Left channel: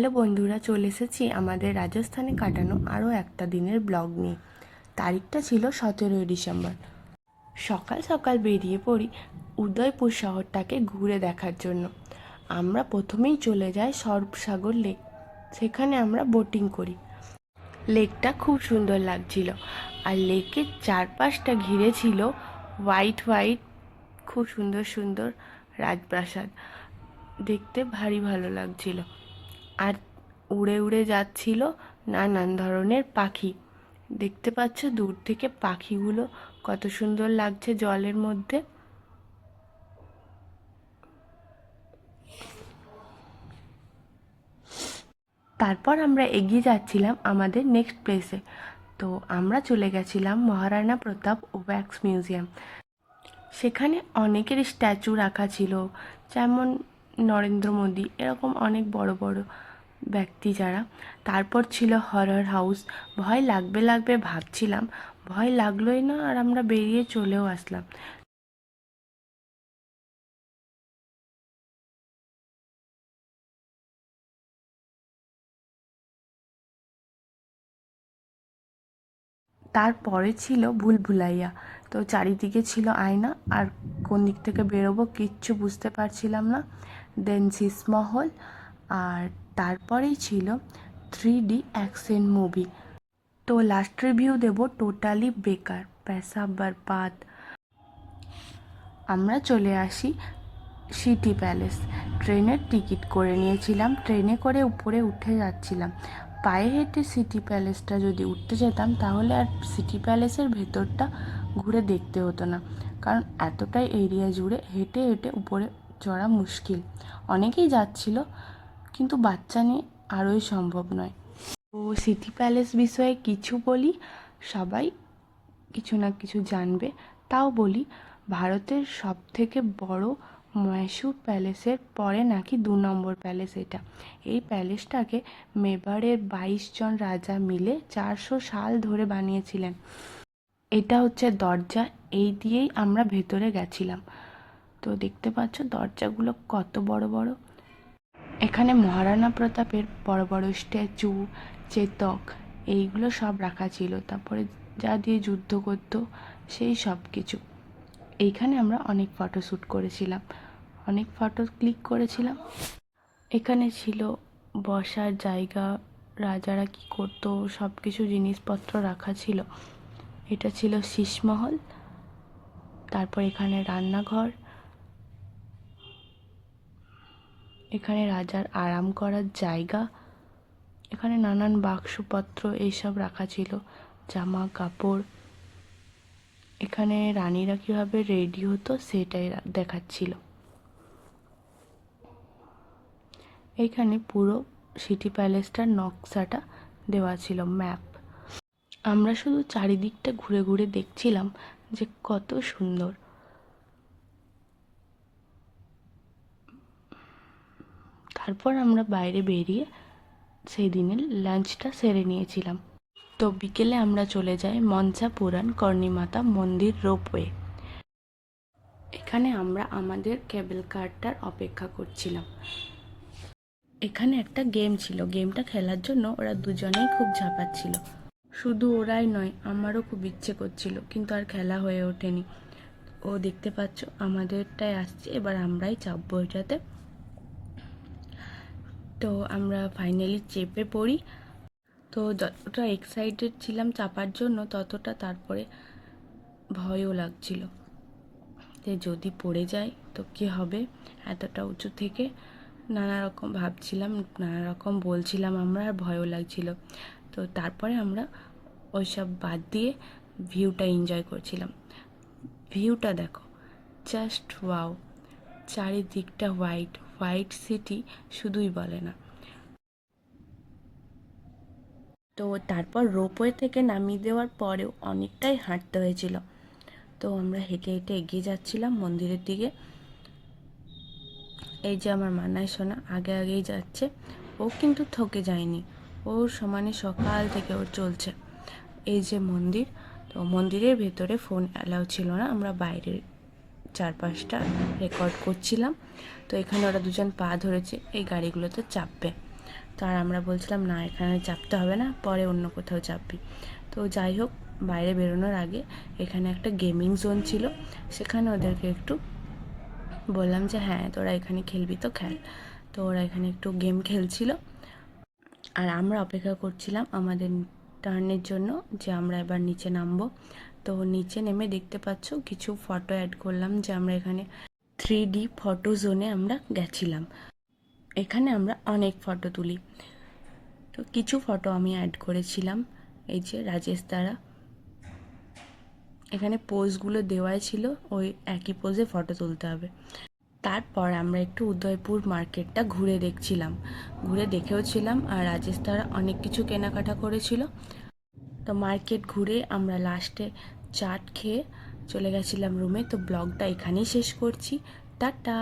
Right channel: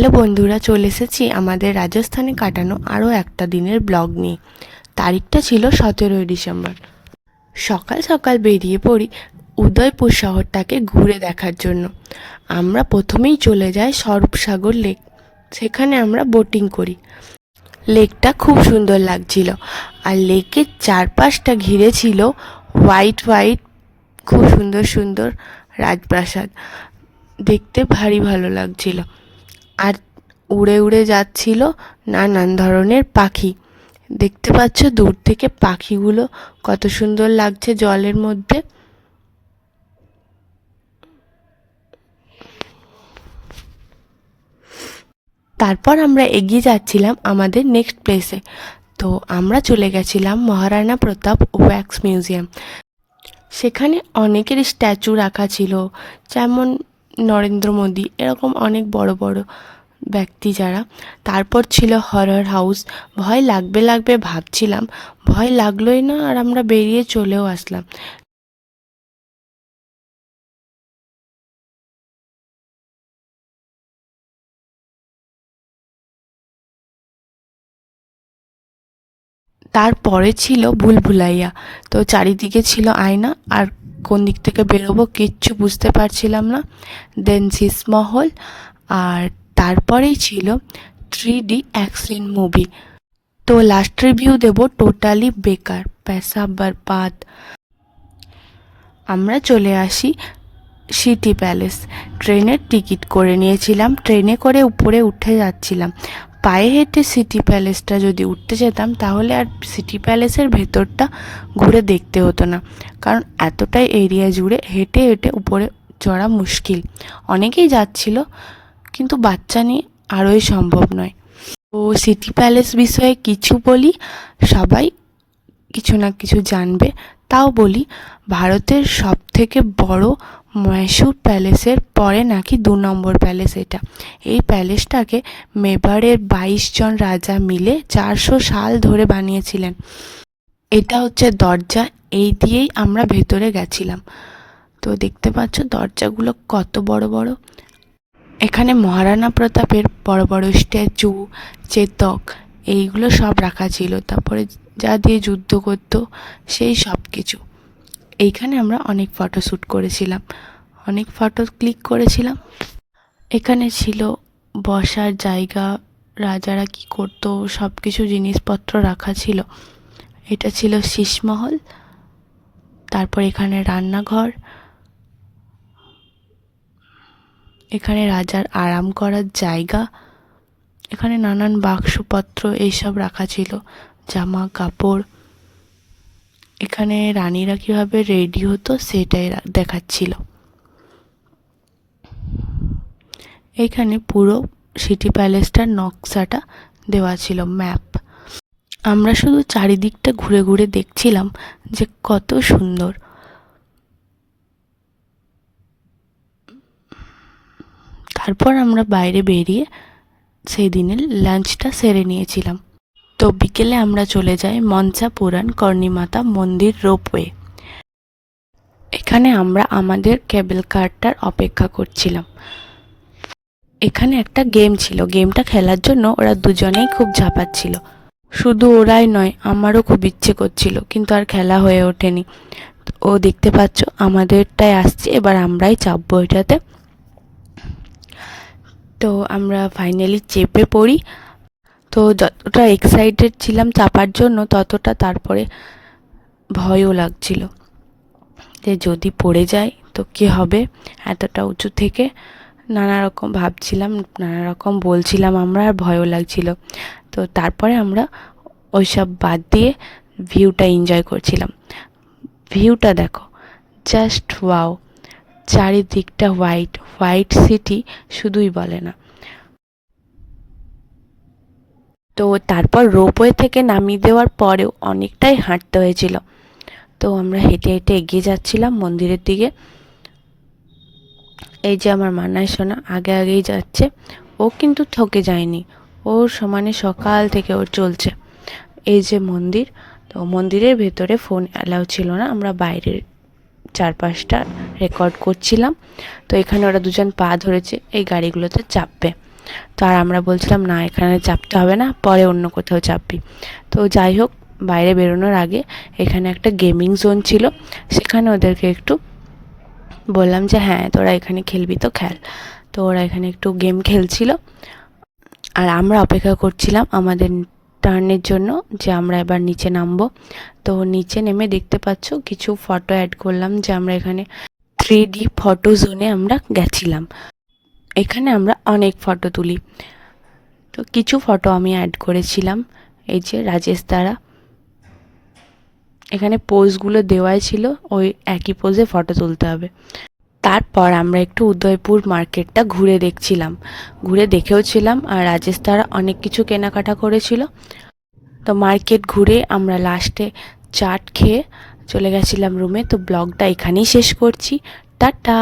Hello বন্ধুরা, চলে এসেছি আমাদের রাজস্থানে কাটানো আরও একটা দিনের ব্লগ নিয়ে। তারিখটা ছিল 17ই ডিসেম্বর। সকাল সকাল বেরিয়ে পড়ি উদয়পুর শহরটাকে ঘুরে দেখার জন্য। আমরা প্রথমেই চলে যাই স্বরূপসাগর লেক। সেখানে আমরা বোটিং করি। লেকটা খুব সুন্দর লাগছিল, আর লেকের চারপাশটা ঘিরে ছিল হোয়াইট হোয়াইট খুব সুন্দর সুন্দর রাজপ্রাসাদ। দেখতে ভারী ভালো লাগছিল। আর উড়ে উড়ে যাচ্ছিল নানান ধরনের পাখি। দেখতে পাচ্ছ দূর থেকে পাখিগুলো কত সুন্দর লাগছে জলের মধ্যে। তারপর আমরা এগিয়ে যাচ্ছিলাম আমাদের নেক্সট প্লেসে। তো আমরা চলে গেছিলাম মহারাণা প্রতাপ ওয়্যাক্স মিউজিয়াম। সেখানে অনেকের স্ট্যাচু রাখা ছিল, যেমন নরেন্দ্র মোদী, এরকম অনেক বড় বড় ব্যক্তি যারা। তারপর ছিল হরর হাউস। ভয় লাগবে লাগবে ভাবছিলাম, ভয় লাগলোই না, আর আমরা বেরিয়ে চলেও আসলাম। তারপরে ছিল ভুলভুলাইয়া। তো চারিদিকে ছিল আয়না, আর কোন দিক থেকে বেরোবো কিচ্ছু বুঝতে পারছিলাম না। দেন শীষমহল। আর তারপরেই ছিল 3D অ্যাকশন মুভি। তো লাস্ট রিভিউ দেব টোটালি বেকার, পয়সা বরবাদ। আমরা চলে আসি সিটি প্যালেস। ট্রেনের টিকিট করে নিয়েছিলাম, ট্রেনে করে উপরে উঠে যাচ্ছিলাম। পায়ে হেঁটে সিটি প্যালেসটা যদি উঠতে যেতাম তাহলে আর সিটি প্যালেসের ভেতরটা ঘুরে দেখতে হতো না, কারণ এতটাই এরিয়া জুড়ে হেঁটে হেঁটে উপরে চড়া মুশকিল। অনেকেই যাচ্ছিল, কিন্তু বাচ্চা নিয়ে আরোই সম্ভব নয়। তো সিটি প্যালেস বিষয়ে কিছু বলি, সবাই কিছু না কিছু জানবে। তাও বলি, ভারতের সবথেকে বড় মহীশূর প্যালেসের পরে নাকি 2 নম্বর প্যালেস এটা। এই প্যালেসটাকে মেবারের 22 জন রাজা মিলে 400 সাল ধরে বানিয়েছিলেন। এটা হচ্ছে দরজা, এই দিয়েই আমরা ভেতরে গেছিলাম। তো দেখতে পাচ্ছ দরজাগুলো কত বড় বড়। এখানে মহারাণা প্রতাপের বড় বড় স্ট্যাচু, চেতক, এইগুলো সব রাখা ছিল। তারপরে যা দিয়ে যুদ্ধ করতো সেই সব কিছু। এইখানে আমরা অনেক ফটোশ্যুট করেছিলাম, অনেক ফটো ক্লিক করেছিলাম। এখানে ছিল বসার জায়গা, রাজারা কি করতো সব কিছু জিনিসপত্র রাখা ছিল। এটা ছিল শীষমহল। তারপর এখানে রান্নাঘর, এখানে রাজার আরাম করার জায়গা। এখানে নানান বাক্সপত্র এইসব রাখা ছিল, জামা কাপড়। এখানে রানীরা কীভাবে রেডি হতো সেটাই দেখাচ্ছিল। এখানে পুরো সিটি প্যালেসটার নকশাটা দেওয়া ছিল, ম্যাপ। আমরা শুধু চারিদিকটা ঘুরে ঘুরে দেখছিলাম যে কত সুন্দর। তারপর আমরা বাইরে বেরিয়ে সেই দিনের লাঞ্চটা সেরে নিয়েছিলাম। তো বিকেলে আমরা চলে যাই মনসা পুরাণ কর্ণীমাতা মন্দির রোপওয়ে। এখানে আমরা আমাদের কেবল কারটার অপেক্ষা করছিলাম। এখানে একটা গেম ছিল, গেমটা খেলার জন্য ওরা দুজনেই খুব ঝাঁপাচ্ছিল। শুধু ওরাই নয়, আমারও খুব ইচ্ছে করছিল, কিন্তু আর খেলা হয়ে ওঠেনি। ও দেখতে পাচ্ছ আমাদেরটাই আসছে, এবার আমরাই চাপবো এটাতে। তো আমরা ফাইনালি চেপে পড়ি। তো যতটা এক্সাইটেড ছিলাম চাপার জন্য, ততটা তারপরে ভয়ও লাগছিল যে যদি পড়ে যায় তো কী হবে। এতটা উঁচু থেকে নানা রকম ভাবছিলাম, নানা রকম বলছিলাম আমরা, আর ভয়ও লাগছিল। তো তারপরে আমরা ওইসব বাদ দিয়ে ভিউটা এনজয় করছিলাম। ভিউটা দেখো, জাস্ট ওয়াও। চারিদিকটা হোয়াইট হোয়াইট সিটি, শুধুই বলে না। তো তারপর রোপওয়ে থেকে নামিয়ে দেওয়ার পরেও অনেকটাই হাঁটতে হয়েছিল। তো আমরা হেঁটে হেঁটে এগিয়ে যাচ্ছিলাম মন্দিরের দিকে। এই যে আমার মানায় সোনা আগে আগেই যাচ্ছে, ও কিন্তু থকে যায়নি, ওর সমানে সকাল থেকে ওর চলছে। এই যে মন্দির, তো মন্দিরের ভেতরে ফোন অ্যালাউ ছিল না, আমরা বাইরের চারপাশটা রেকর্ড করছিলাম। তো এখানে ওরা দুজন পা ধরেছে এই গাড়িগুলোতে চাপবে। তো আর আমরা বলছিলাম না এখানে চাপতে হবে না, পরে অন্য কোথাও চাপবি। তো যাই হোক, বাইরে বেরোনোর আগে এখানে একটা গেমিং জোন ছিল, সেখানে ওদেরকে একটু বললাম যে হ্যাঁ তোরা এখানে খেলবি তো খেল। তো ওরা এখানে একটু গেম খেলছিল, আর আমরা অপেক্ষা করছিলাম আমাদের টার্নের জন্য, যে আমরা এবার নিচে নামবো। তো নিচে নেমে দেখতে পাচ্ছ কিছু ফটো অ্যাড করলাম, যে আমরা এখানে 3D ফটো জোনে আমরা গেছিলাম। এখানে আমরা অনেক ফটো তুলি, তো কিছু ফটো আমি অ্যাড করেছিলাম। এই যে রাজেশ দ্বারা এখানে পোজগুলো দেওয়াই ছিল, ওই একই পোজে ফটো তুলতে হবে। তারপর আমরা একটু উদয়পুর মার্কেটটা ঘুরে দেখছিলাম, ঘুরে দেখেও ছিলাম, আর রাজেশ তারা অনেক কিছু কেনাকাটা করেছিল। তো মার্কেট ঘুরে আমরা লাস্টে চাট খেয়ে চলে গেছিলাম রুমে। তো ব্লগটা এখানেই শেষ করছি, টাটা।